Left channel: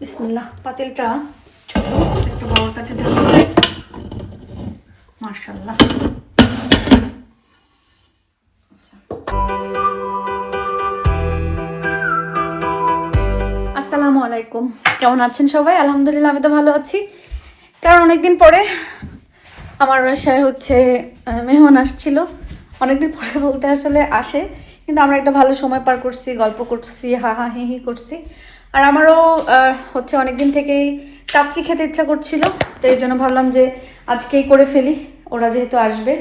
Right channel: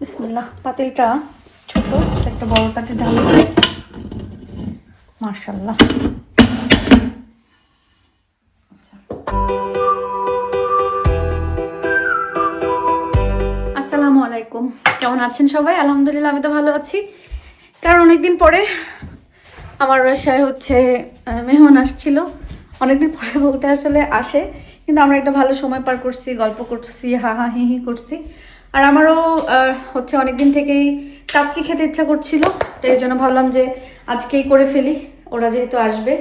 বিসমিল্লাহ। পাতিলটা ছোট, একটা বড় তাতে ধরে মাশাআল্লাহ। আসসালামু আলাইকুম, কেমন আছেন সবাই? আলহামদুলিল্লাহ, আমি তো ভালো আছি। কারণ অনেকদিন পরে আমার বাসায় মেহমান আসছিল। অনেকদিন পরে বলতে আসলে আসে, কিন্তু আমরা একটা ভালো সময় পার করছি, গল্প করছি, হা হা হি হি করছি। আর আমারও অনেকদিন থেকেই কাচ্চি খেতে ইচ্ছা করছিল, তো এই জন্য ভাবলাম যে আজকেই করে ফেলি, ওরা যেহেতু আসবে।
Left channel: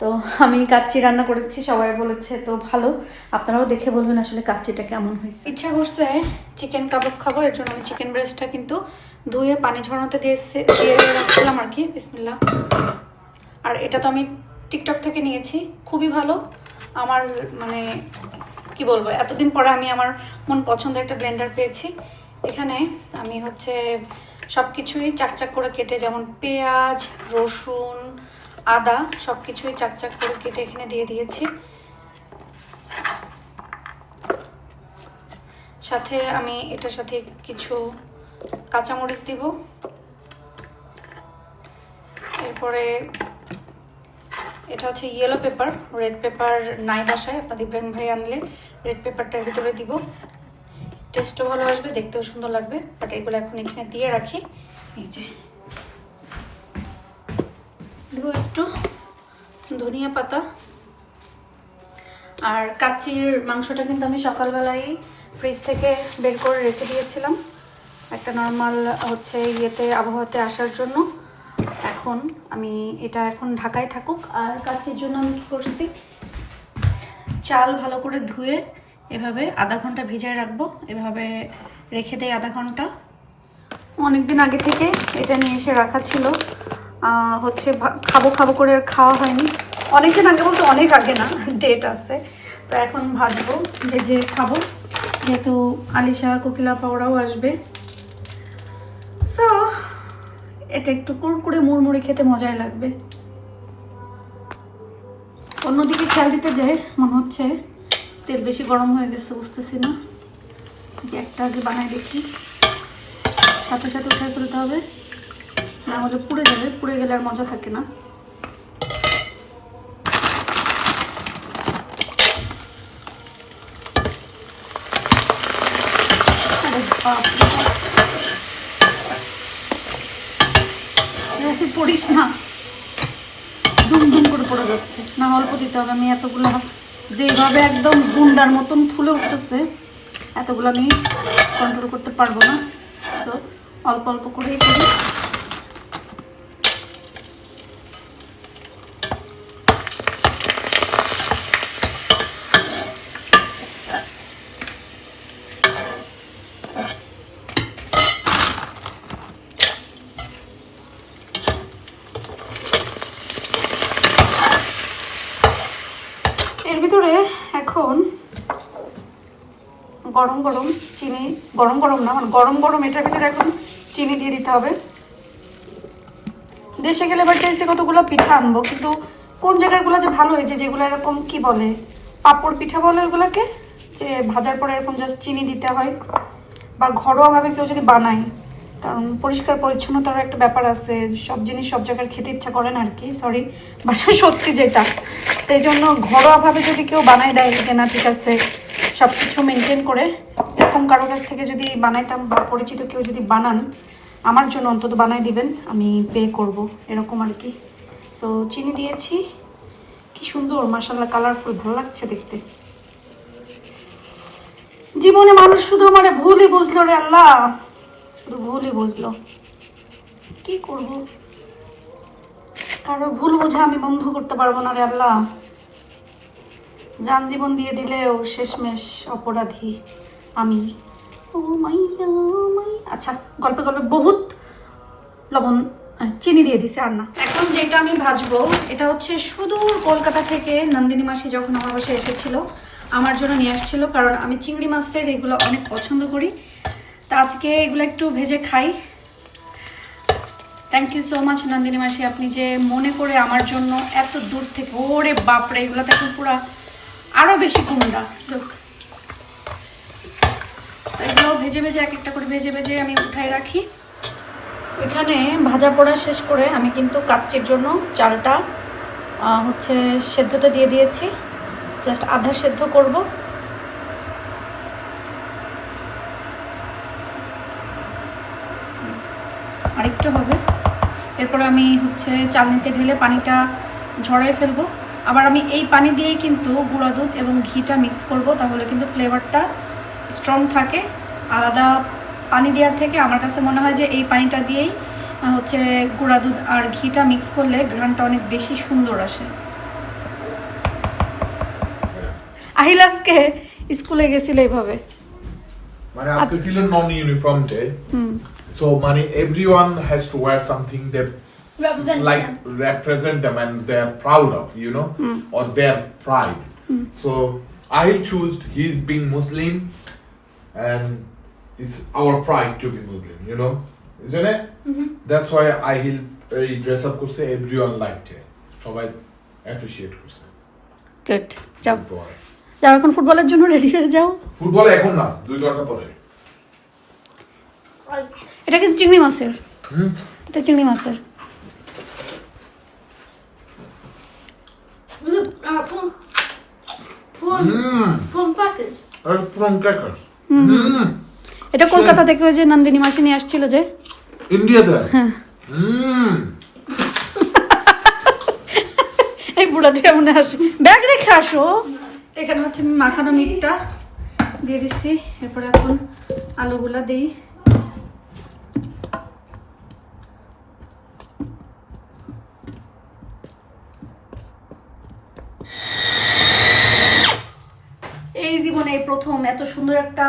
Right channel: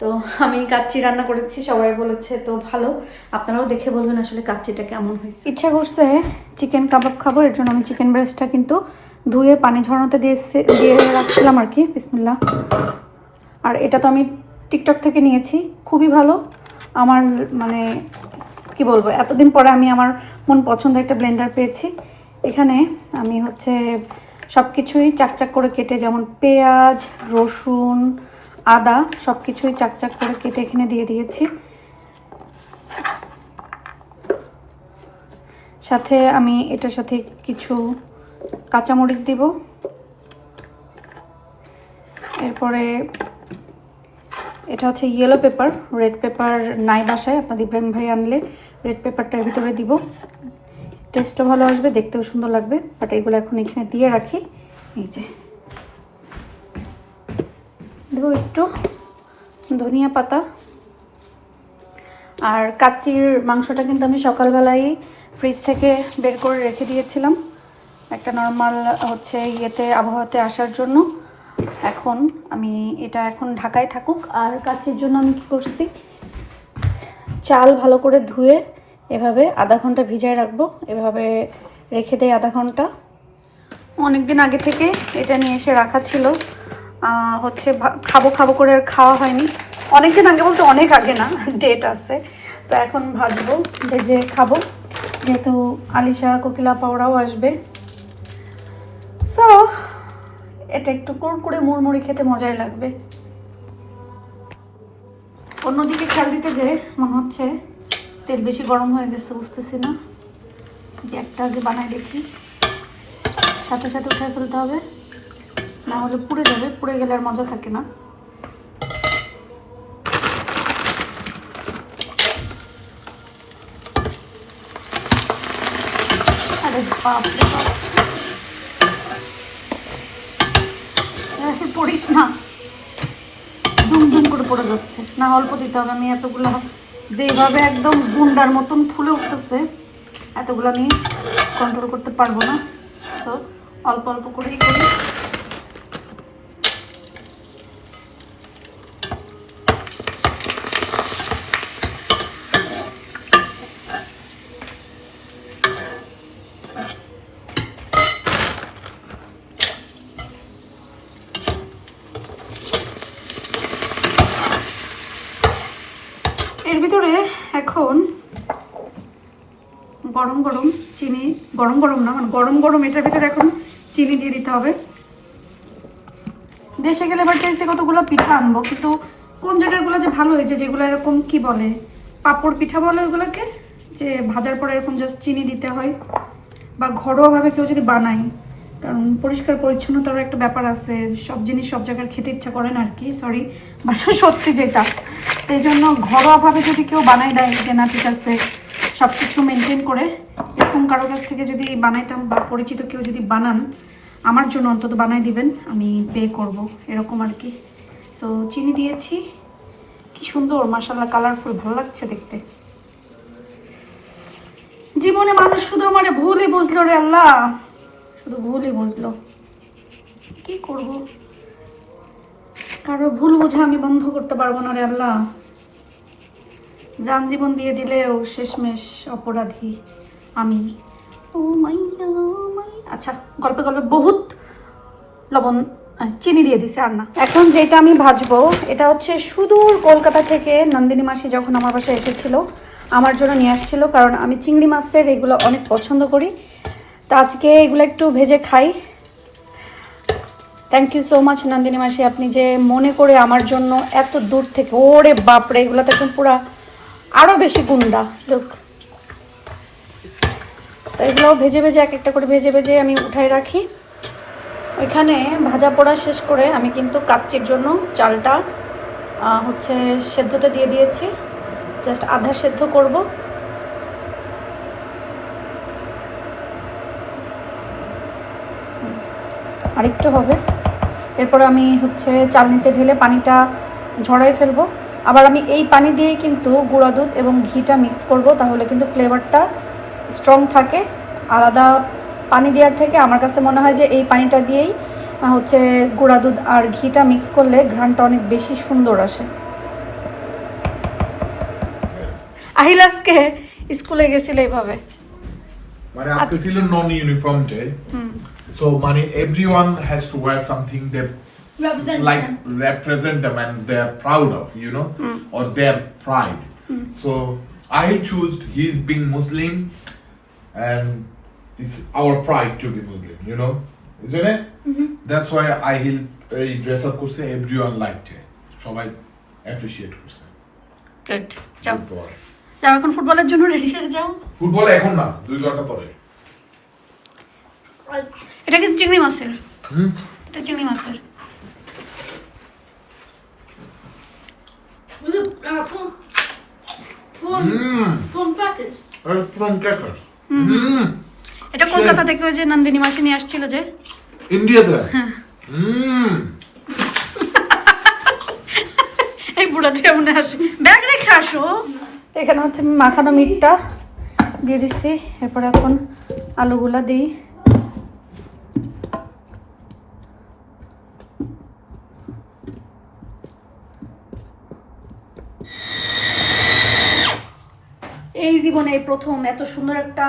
তো আমি কাচ্চি রান্না করেছি, সবাই বলেছে তো ভালো। আপনারাও দেখে বলবেন আসলে কাচ্চিটা কেমন হয়েছে। ইচ্ছা করছে চিকেন কাবাব খাবো, এর জন্য আমি চিকেন ব্রেস্টটা কিন্তু ধুয়ে পানি ঝরানোতে দিয়ে রাখছিলাম আর কি। বিসমিল্লাহ। আর এটা তো আমি টিকটক থেকে নিয়েছি, খুবই ভালো। আমার কি বলবো, এতদিন পরে আমি আমার মন পছন্দের একটা ব্লেন্ডার পেয়েছি। এখানে আমি সব কিছুই চাকচাক করে কেটে, যেমন পেঁয়াজ, রসুন, আদা সব কিছুই চাকচাক করে কেটে এখানে দিয়ে দিয়েছি। সাথে আমি এটার সাথে কিছু কাঁচামরিচ দিব। এরপরে এটা হচ্ছে ইয়েলো পেপার, রেড পেপার নাই বাসায়, আপনাদের ইব্রাহিম ভাই আনলে রেড পেপারটার ভিতরে দিব। টেস্টও ভালো আসবে, দেখতেও সুন্দর লাগবে। বাট এগুলো এখন এখানে দিয়ে রাখি। এই যে দেবো একটু ধনিয়া পাতা। আর কাচ্চির মাংসটা কিন্তু আমি সকালবেলায় ফ্রিজ থেকে বের করে রেখে দিয়েছিলাম একটা নর্মাল আবহাওয়াতে আসার জন্য। এটা এখন ঢাকায় থাকুক। আর কাচ্চির জন্য আমি কি করছি, চাল ভালো করে ধুয়ে এভাবে আধা ঘন্টা ভিজায় রাখবো। এভাবে রেখে দেয় আধা ঘন্টা। অনেকদিন আগে থেকে এটা নিয়ে এসে রাখা ছিল, খাবো খাবো করে আর খাওয়া হয়নি। অনেকদিন আগে বলতে অনেক আগে না, ডেট আছে। তো এখন ভাজবো, ভেজে খাবো, যেহেতু আলিশা, কোকিলা, পাওরাও আসবে। সো এটা একটু কুড়কুড়ে মুড়মুড়ি খেতে মজাই লাগবে। অন্যদিকে খেয়াল দিতে যাই, মনে হচ্ছে তেল বেশি গরম হয়ে গেছে, বুঝতেছি না। একটা আগে বানাই দেখি, সাথে সাথে উঠায় ফেলতে হবে, না হলে পুড়ে যাবে। পুড়ে গেলে আর মজা থাকে না। আরে বাপরে, পড়িস না, দুম দুম করে পড়ে যাচ্ছে। না, অল্প দিতে হবে। আমি এতগুলো যেভাবে একদম গুন্ডার মতন ফুলে উঠতেছে, এতগুলো আমি কন্ট্রোল করতে পারবো না। তো অল্প অল্প করেই করি। এর ভিতরে এখন গরম গরম চিনি, গরম গরম না, গরম গরম এটার ভিতরে এখন চিনি দিয়ে দিতে হবে। দেশে গেলে এবার টেস্টে কতগুলো পিঠা আনবো, কিন্তু কোন জায়গাগুলো যে ভালো হয়েছে, যেগুলো এরকম কি বলে, পাপড় পিঠা বলে ওগুলোকে, যে ভাজার পরে এরকম জাস্ট চিনি দিতে হয়। বা ঘরোয়াভাবে কেউ যদি বানায়, কারণ পরিষ্কার পরিচ্ছন্নতার একটা ব্যাপার আছে, সব জিনিস সব জায়গায় খেতে ইচ্ছা করে না আর কি, সরি, বাট সত্যি যেটা। এই জন্য ঘরোয়াভাবে যদি কেউ বানায় দেয় যে না ঠিক আছে, সব কিছু মেনটেন করে, এরকম কারো কাছ থেকে যদি বানাইতাম বা পরিচিত কেউ যদি বানান, আমার জন্য অন্তত বানাই দিবেন, আমি পে করব, এরকম আর কি। সো চিনি দিয়েছি, কি সুন্দর মাশাআল্লাহ, কালারফুল, ভালো লাগছে দেখতে। জীবনে মানুষ শুধু আমারে ভুলই বুঝলো রে আল্লাহ, শুধু ভুলই বুঝলো। কি করব, কারো ভুল বোঝা আমি বন্ধ করতে পারবো না রে আল্লাহ। যান জীবন দিয়ে দিলেও শেষমেশ অপরাধী আমি। ও মাইয়া আচ্ছা, গল্পে গল্পে বহুত লবণ চিনি দিয়ে দিছে, আর না। এখন যেটা আমি ভাজবো, এটা হচ্ছে সুদূর কলকাতা থেকে নন্দিনী মাসি যখন আমার বাসায় এসেছিল, আমার জন্য নিয়ে আসছিল, কারণ আমি চিংড়ি মাছের এগুলো অনেক পছন্দ করি। তো আজকে এগুলো একটু ভেজে খাই। Thank you so much Nandini মাসি, আপনি যে মনে করে আমার জন্য এত দূর থেকে, ওরে বাপরে, এগুলো তো এখন পুরো আরও বেশি কুমড়া। তো এগুলো ভেজে ভেজে এক একটা করে ভেজে ভেজে আমি উঠাই রাখি। এখানে ভাজা পোড়া শেষ করে আমি কিন্তু কাচ্চির জন্য চালটা হচ্ছে সেদ্ধতে দিয়ে দিয়েছি, জাস্ট আধা সেদ্ধ করব। আরেকটু হবে, এরপর আমি হচ্ছে চালনিতে ঢেলে পানিটা ঝরাই ফেলবো। আবার আমি এই পানি দিয়েই কিন্তু গুঁড়া দুধ এবং ঘিটা মিক্স করব, তাহলে কিন্তু ফ্লেভারটা স্ট্রং থাকে। আলাদা পানি দেওয়ার থেকে আমার কাছে মনে হয় যে এই পানিটা দিয়েই হচ্ছে গুঁড়া দুধ আর ঘিটা মিক্স করলে ঘ্রাণটা অনেক বেশি সুন্দর আসে। আহিল আজকে স্কুলে গেছিল এইভাবে, মানে আজকে ছিল নন ইউনিফর্ম ডে, সো মানে everyone has to wear something that like represent them and they are proud of, you know, or their pride. So I choose he's being Muslim and it's our pride to be Muslim, you know, isn't it? That's why I dress up করছে, everyone liked it, সবাই appreciate করছে। Good, যাও যাও এখন ফুটবলের জন্য ready হয়ে যাও। ফুটবলে এখন না, 2 ঘন্টা পরে। এটা কিন্তু চিংড়ি মাছের, এটা চিংড়ি মাছের। এটা কলকাতা থেকে ওই যে নন্দিনী মাসি নিয়ে আসছিল যে ইন্ডিয়াতে। এই বুড়া থেকে মনে আসে, ব্যাগ রেখে আসো। এখানে হচ্ছে আমি মাখানো মিটটা দিয়ে দিচ্ছি, এরপর এখন আলুগুলা দিই। এই জীবনে এই প্রথম এত সুন্দর একটা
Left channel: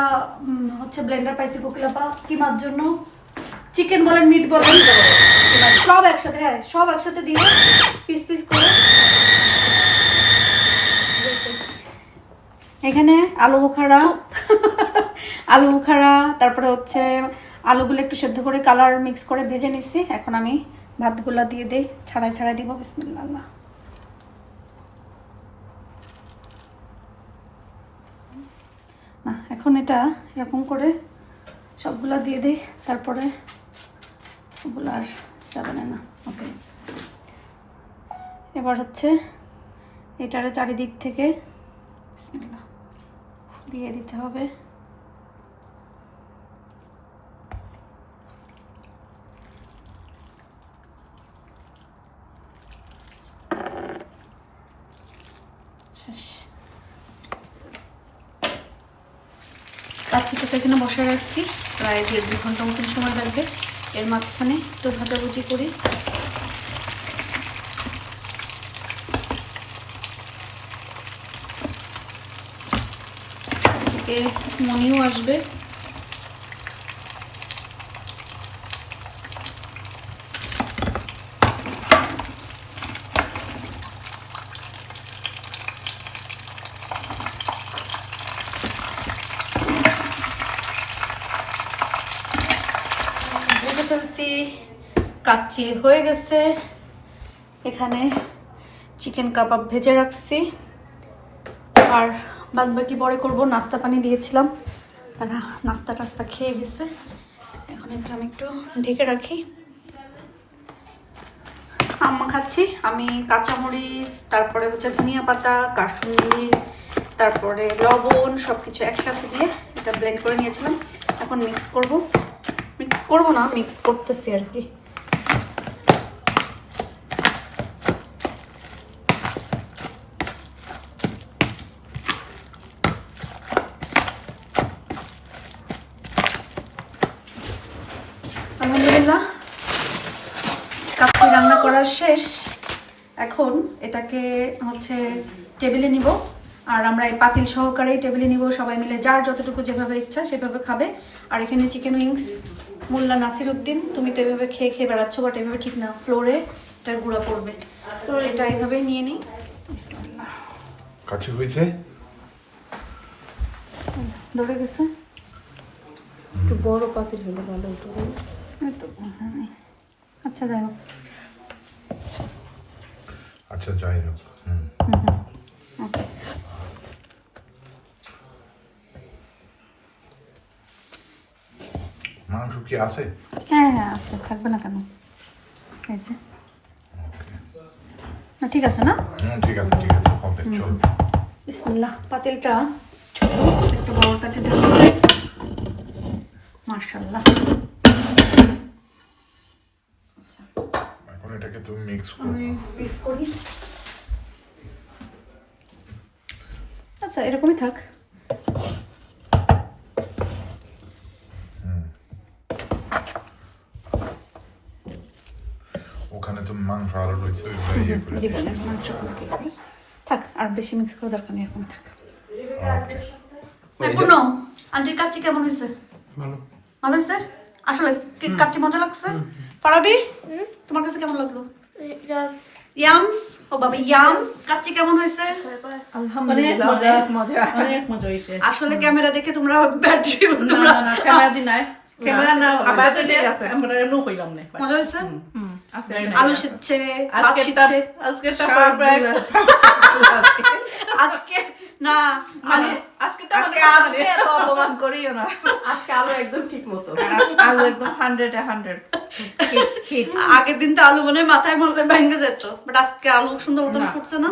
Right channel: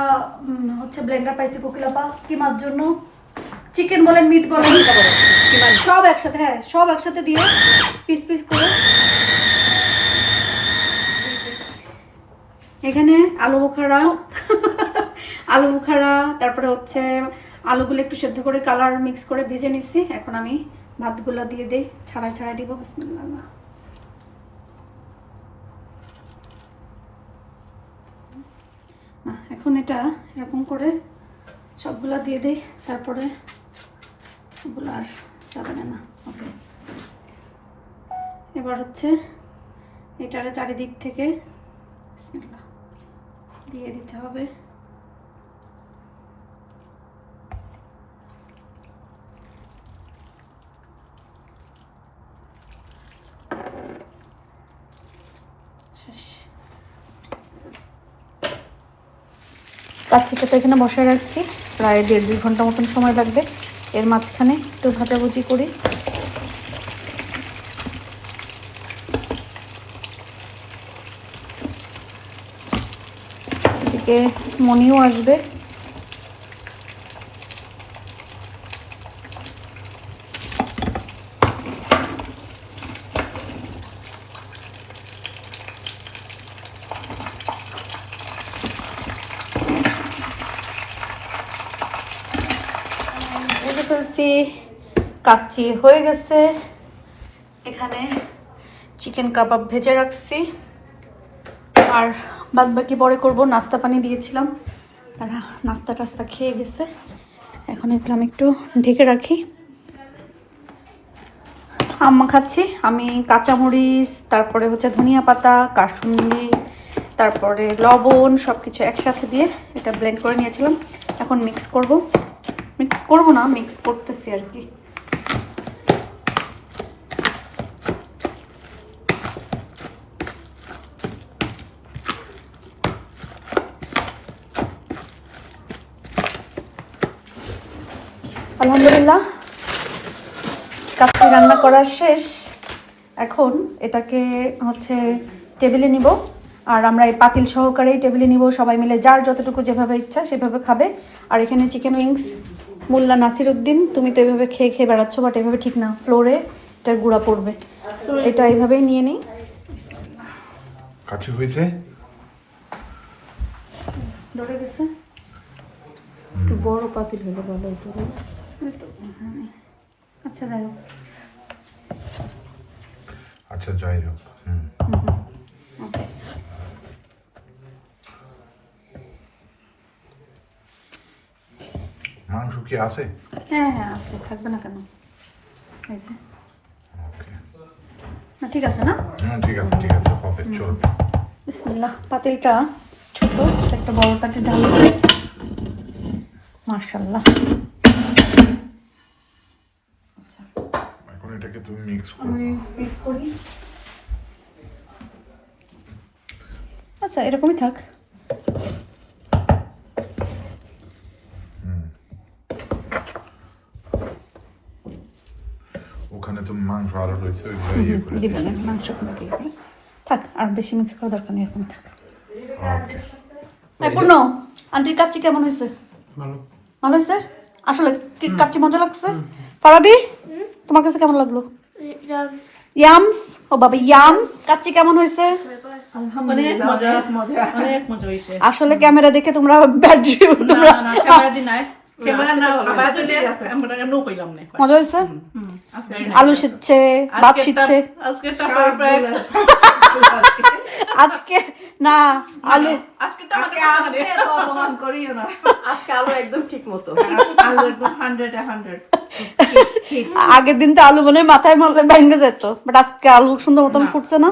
হচ্ছে ব্লেন্ডার পাইছি কোকিলাপা। কিমার জন্য চিকেন বলেন মিট বলেন সব একসাথে, হ্যাঁ সব একসাথে দিয়ে পিস পিস করে। এখানে আলু বোখারা তারপরে হচ্ছে আলুগুলো একটু সেদ্ধ করে কালার মিক্স করে ভেজে নিচ্ছি। এখন আমি ভাতগুলা দিয়ে দিই, ছাড়াই দিব। বিসমিল্লাহ। না এখন এটা এরকম করে সবগুলা দিয়ে দিই, তারপরে ওগুলো আর যাবে না। ওকে, এবার হচ্ছে এটারে চারিদিক থেকে বিসমিল্লাহ দিয়ে দিতে হবে। কাচ্চিটা তো এখানে বসায় রাখছি, প্রায় 1.5-2 ঘন্টা মতন সময় লাগবে। এর মাঝখানে একটু ভাজাভুজি করি। এদিকে মনিও আসবে। ফেলছি, কাচ্চি হয়ে গেছে। এখানে চিকেন কাবাব ভেজে রাখছি, আর বাদ বাকি পরে করবো। নাস্তা পানি দিয়েছিলাম, তারা নাস্তা টাস্তা খেয়ে গেছে। এখন এগুলো আমি একটু ঢেকে রাখি। আম্মা খাচ্ছি আমি কাঁচামরিচ, তারপরে হচ্ছে ধনিয়া পাতা, কাসুন্দি, তারপরে লবণ সবকিছু একসাথে দিয়ে এটা ব্লেন্ড করে নিয়েছিলাম। এখন মিক্স করবো না, মিক্স করতেছি আর কি। আলহামদুলিল্লাহ কাচ্চি রান্না করা শেষ। এখন এটাকে হচ্ছে টেবিলে নিব, আর আমরা এই পাতিল সহকারেই টেবিলে নিব। সবাই মিলে যার যতটুকু যেভাবে ইচ্ছা সেভাবে খাবে। আর এখানে চিকেন উইংস মোল্লা নাসিরউদ্দিন, তুমি তো এভাবে খেয়ে খেয়ে বেড়াচ্ছ, বাট এভাবে ঠিক না, ফ্লোরে এটার গুঁড়া পড়বে। এটা এইভাবেই নিয়ে নিই। কাছে হয়েছে, ধরে গেছে। একটু বড় পাতিল হলে ভালো হতো। আচ্ছা দেখো, আচ্ছা যাই হোক। মাংস কি আছে? হ্যাঁ হ্যাঁ আছে, থাকবে না কেন? এই যে। না ঠিক আছে না? ঠিক আছে হবে, চলবে। বিসমিল্লাহ। পাতিলটা ছোট, একটা বড় তাকে ঢালি। মাশাআল্লাহ। এখন এটাকে তুমি মিক্স করো। আমি মিক্স করি। আচ্ছা এরকমই থাক। ওখানে তুমি মাংস আরো রয়েছে, ওইগুলো ইয়ে করে দিও। দিবেন মাংস আমাকে করে। থাক, আর বেশি মিক্স করার দরকার নেই, এখন থাক। ওকে। পূর্ণ, আন্টির কাচ্চি কেমন হয়েছে? ভালো। ভালো হয়েছে? আসলে কি কাচ্চি মজা লাগছে? পারাবি, তোমার কাছে কেমন লাগলো? ইয়ামস, ও বাবা ইয়ামস, কাচ্চি কেমন হয়েছে? অনেক মজা, অনেক মজা হয়েছে। আসলে ক্যামেরা দেখে তোমরা ব্যাটারি না ক্যামেরা দি নাই, ক্যামেরা না আবার দিলে আমরা নো কইলাম না। মজা হয়েছে? আলু সিচ্ছে, ভাত সিচ্ছে। আজকেটা পারফেক্ট। আজকে না আলু, আজকে তো অপমান করিও না। আজকে আলু একদম ঠিক মতো। আলু একদম 100 আগের দিন তো আলু মনে হয় মাথায় মনে ভেঙে যেত, বাট আজকে আলু সুন্দর মতন ফুটছে না?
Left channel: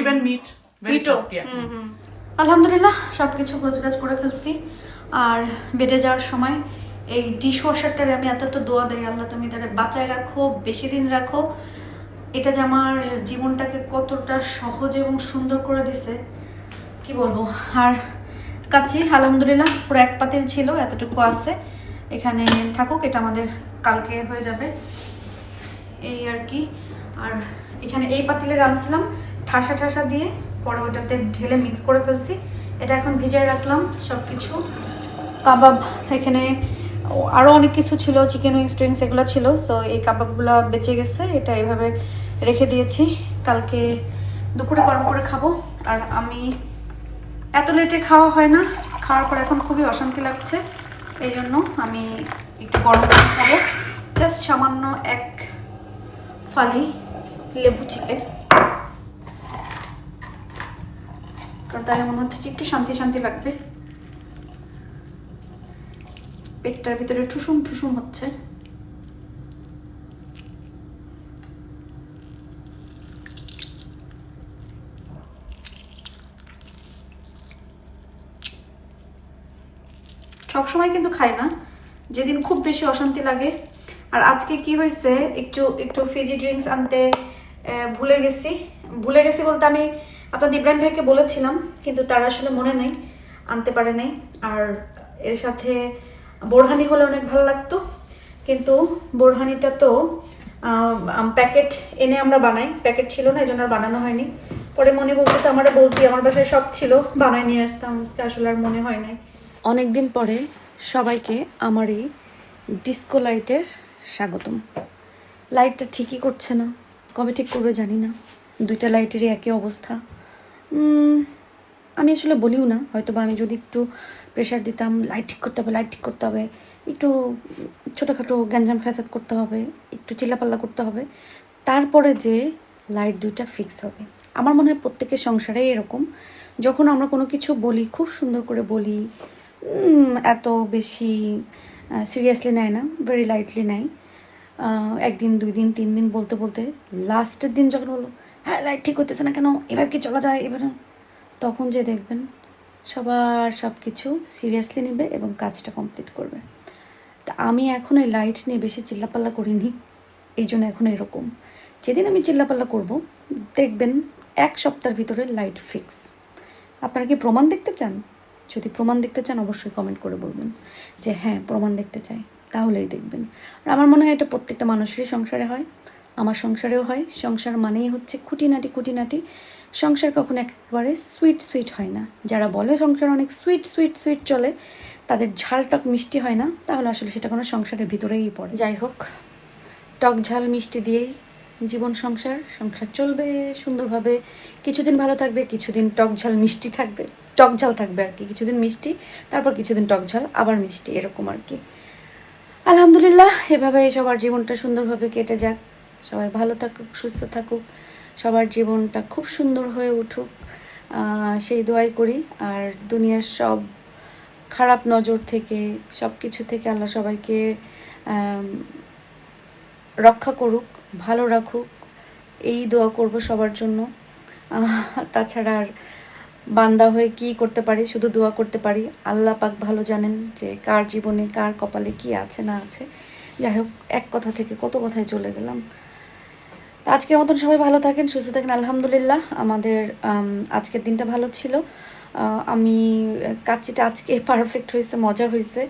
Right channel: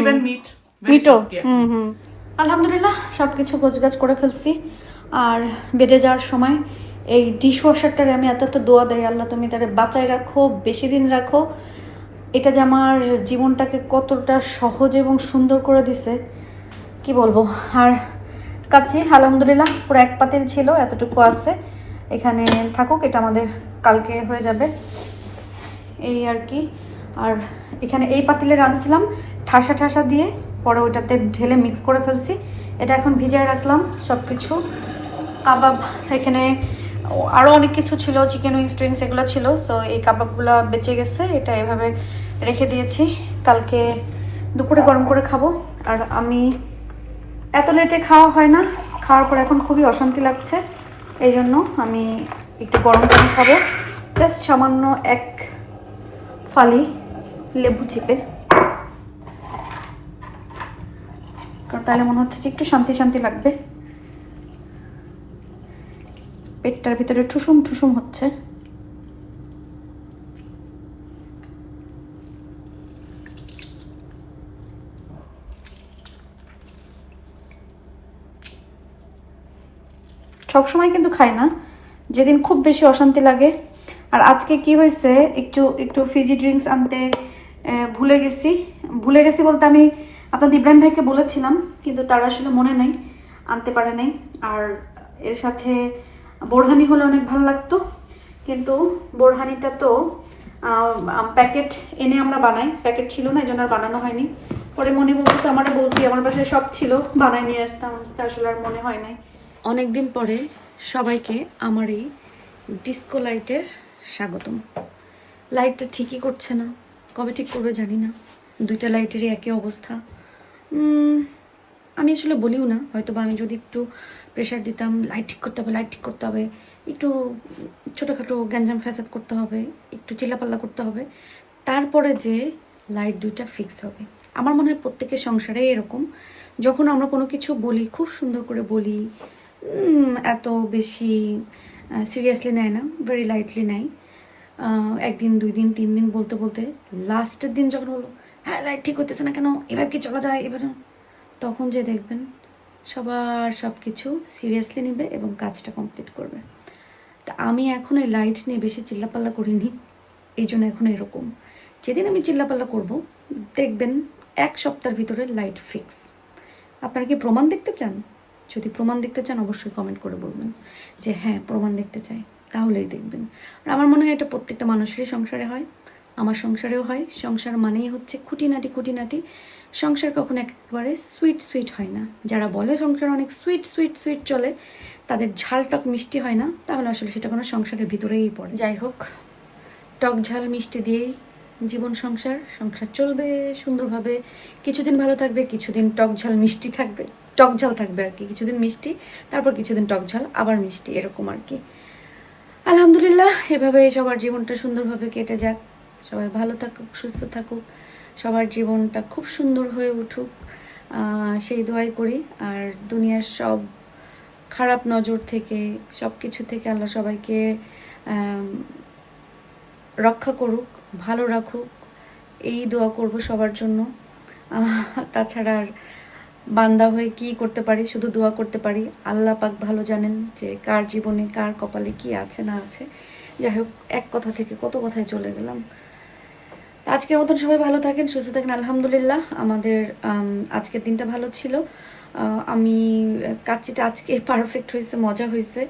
ইভেন মিট মিটও। আলহামদুলিল্লাহ সবকিছু গোছগাছ করে ফেলছি। আর বেডে যাওয়ার সময় এই ডিশ ওয়াশারটারে আমি এত দোয়া দেই, আল্লাহ তুমি তারে বাঁচায় রাখো, বেশি দিন রাখো। এটা যে আমার জীবনটাকে কতটা সহজ এবং সুন্দর করে দিছে কি বলবো। আর কাচ্চি আলহামদুলিল্লাহ পুরো এক পাতিল ছিল, এতটুকু আছে, এখানে থাকুক, এটা আমাদের কালকে হয়ে যাবে এই আর কি। আর এখানে এই পাতিলে রাখছিলাম ঠাসা ঠাসা দিয়ে, পরে ওটাতে ঢেলে মিক্স করে ফেলছি। এটা এখন ভিজায় রাখলাম সব কিছু। কাবাব এখানে আরও অনেক কিছু ছিল, চিকেন উইংস টুইংস এগুলো ছিল, সো এই কাবাবগুলো বেঁচে গেছে, এটা এভাবে রেখে দিয়েছি, কালকে দুপুরে গরম করে খাবো। আর আমি এত লেটে খাওয়া হয় না, খাওয়ার পর এখন খুবই অশান্তি লাগছে, এই জন্য আমি একটু গরম করে খাবো। জাস্ট সামান্য এক ফালি লেবু চিপে, কারণ তাহলে মনে হচ্ছে যে একটু শান্তি শান্তি লাগবে। পেটটার ভিতরে ঠুসুম ঠুসুম হচ্ছে। সবসময় কিন্তু খাই না, যেদিন খুব বেশি অশান্তি লাগে। আর আজকে কি হয়েছে, একটু একটু ফিজি ড্রিঙ্কস আনতে ভুলে গেছি বলতে আমি আপনাদের ইব্রাহিম ভাইকে বলেছিলাম, কিন্তু তার আসলে মনে নেই, আনতে পারে নাই। আর এর সাথে বোরহানি হলে অনেক ভালো লাগতো, কিন্তু বোরহানিটা তো প্যাকেট এনে আমরা বানাই, প্যাকেট ছিল না, এই জন্য আর বানানো হয়নি। পরে মনে বলতেছে আমারে বলতি, আমার বাসায় সব ছিল, বানায় নিয়ে আসতাম, আসলে আর মনে হয় নাই। অনেক দিন পরে সবাইকে আমার এই ডিস্কো লাইটের স্বাগতম। লাইটটা ঠিকই করছে না, কবে ঠিক করবে জানি না, দুইটা লাইটেরই একই অবস্থা। আমি আসলে বলিও না, হয়তো বা আমি যদি একটু প্রেশার দিতাম, লাইট ঠিক করতে হবে, লাইট ঠিক করতে হবে, একটু ছোটোখাটো গ্যাঞ্জাম ফ্যাসাদ করতে হবে, একটু চিল্লাপাল্লা করতে হবে, তারপরে যে লাইট দুইটা ফিক্স হবে। আমার মনে হয় প্রত্যেকের সংসারে এরকম, যখন আমরা কোনো কিছু বলি খুব সুন্দর করে বলি, এত বেশি সিরিয়াসলি নেয় না, ভেরি লাইটলি নেয়। একদিন দুই দিন তিন দিন বলতে বলতে লাস্টের দিন যখন বলো হ্যাঁ লাইট ঠিক হতেছে না কেন, এভাবে কি চলা যায় এবার, তখন যে দেখবেন সবার সব কিছু সিরিয়াসলি নেবে এবং কাজটা কমপ্লিট করবে। তা আমি এখন এই লাইট নিয়ে বেশি চিল্লাপাল্লা করিনি, এই জন্য এখন এরকম। যেদিন আমি চিল্লাপাল্লা করব দেখবেন এক সপ্তাহের ভিতরে লাইট ফিক্স। আপনারা কি প্রমাণ দেখতে চান? যদি প্রমাণ দেখতে চান অবশ্যই কমেন্ট করে বলবেন যে হ্যাঁ প্রমাণ দেখতে চাই, তাহলেই দেখবেন। আর আমার মনে হয় এটা প্রত্যেকটা মানুষেরই সংসারে হয়, আমার সংসারেও হয়। সংসার মানেই হচ্ছে খুঁটিনাটি খুঁটিনাটি। সংসার কখনো একেবারে সুইট সুইট হয় না। যারা বলে সংসার অনেক সুইট সুইট সুইট চলে, তাদের ঝালটক মিষ্টি হয় না, তাহলে আসলে সেটা কোনো সংসারের ভিতরেই পড়ে। যাই হোক, টক ঝাল মিষ্টি দিয়েই জীবন সংসার চলবে সুন্দরভাবে। কিছুদিন ভালো থাকবে, কিছুদিন টক ঝাল মিষ্টি থাকবে, টক ঝাল থাকবে আর কি, কিছুদিন মিষ্টি, তারপর কিছুদিন টক ঝাল, আবার মিষ্টি, এরকম আর কি। আলহামদুলিল্লাহ এভাবে সবার জীবনটা সুন্দরভাবে কেটে যাক, সবাই ভালো থাকুক, সুস্থ থাকুক, সবার জীবনটা খুব সুন্দর হয়ে উঠুক, সেই দোয়াই করি। আর দুনিয়ার সব খারাপ নজর থেকে সব কিছু থেকে আল্লাহ সবাইকে রক্ষা করুক, ভালো রাখুক, এই দোয়া করব সবার জন্য। তাছাড়া আর বান্দা হয়ে কি করতে পারি, শুধু দোয়া করতে পারি। আল্লাহ পাক ভালো জানেন যে কার জীবনে কার কপালে কি আছে না আছে। যাই হোক, এক কথা থেকে কত কথায় চলে গেলাম। তো আজকের মতন সবাই ভালো থাকেন, সুস্থ থাকেন। আলহামদুলিল্লাহ আমাদের আজকের দিনটা ভালো ছিল। আমি কাচ্চিটা আজকে পারফেক্ট হয়েছে, মজা হয়েছে,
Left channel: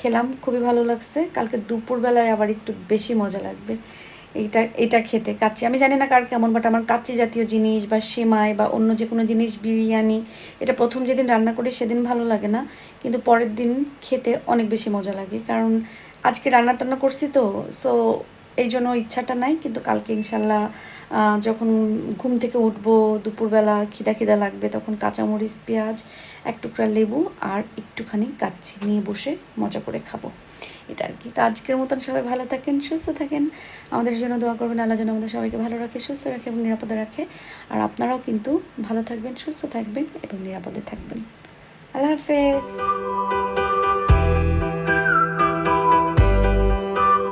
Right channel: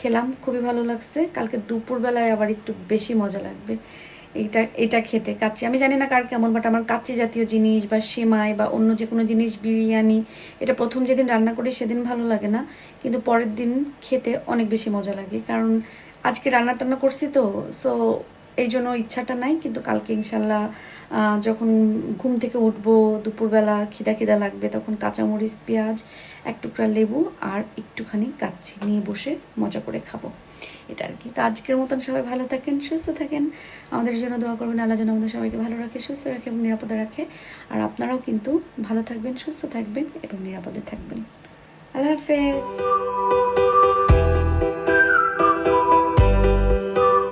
খেলাম, খুবই ভালো লাগছে। কালকে দুপুরবেলায় আবার একটু বেশি মজা লাগবে এটা খেতে। কাচ্চি আমি জানি না কার কেমন, বাট আমার কাচ্চি জাতীয় জিনিস বা সেমাই বা অন্য যে কোনো জিনিস, বিরিয়ানি, এটা প্রথম যেদিন রান্না করি সেদিন ভালো লাগে না, কিন্তু পরের দিন খেতে অনেক বেশি মজা লাগে। কারণ আজকে রান্না টান্না করছি তো, সো এই জন্য ইচ্ছাটা নাই। কিন্তু কালকে ইনশাল্লাহ যখন ঘুম থেকে উঠবো, দুপুরবেলা খিদা লাগবে, তখন কাঁচামরিচ, পেঁয়াজ, এক টুকরা লেবু আর একটুখানি কাচ্চি নিয়ে বসে মজা করে খাবো, এটা আর কি। তো আজকের মতন সবাই ভালো থাকেন, সুস্থ থাকেন, আমাদের জন্য দোয়া করবেন। আল্লাহ যেন আমাদের সবাইকে ভালো রাখে, সুস্থ রাখে এবং নিরাপদে রাখে। আর আপনারাও কিন্তু ভালো থাকবেন, সুস্থ থাকবেন এবং নিরাপদে থাকবেন। আল্লাহ হাফেজ।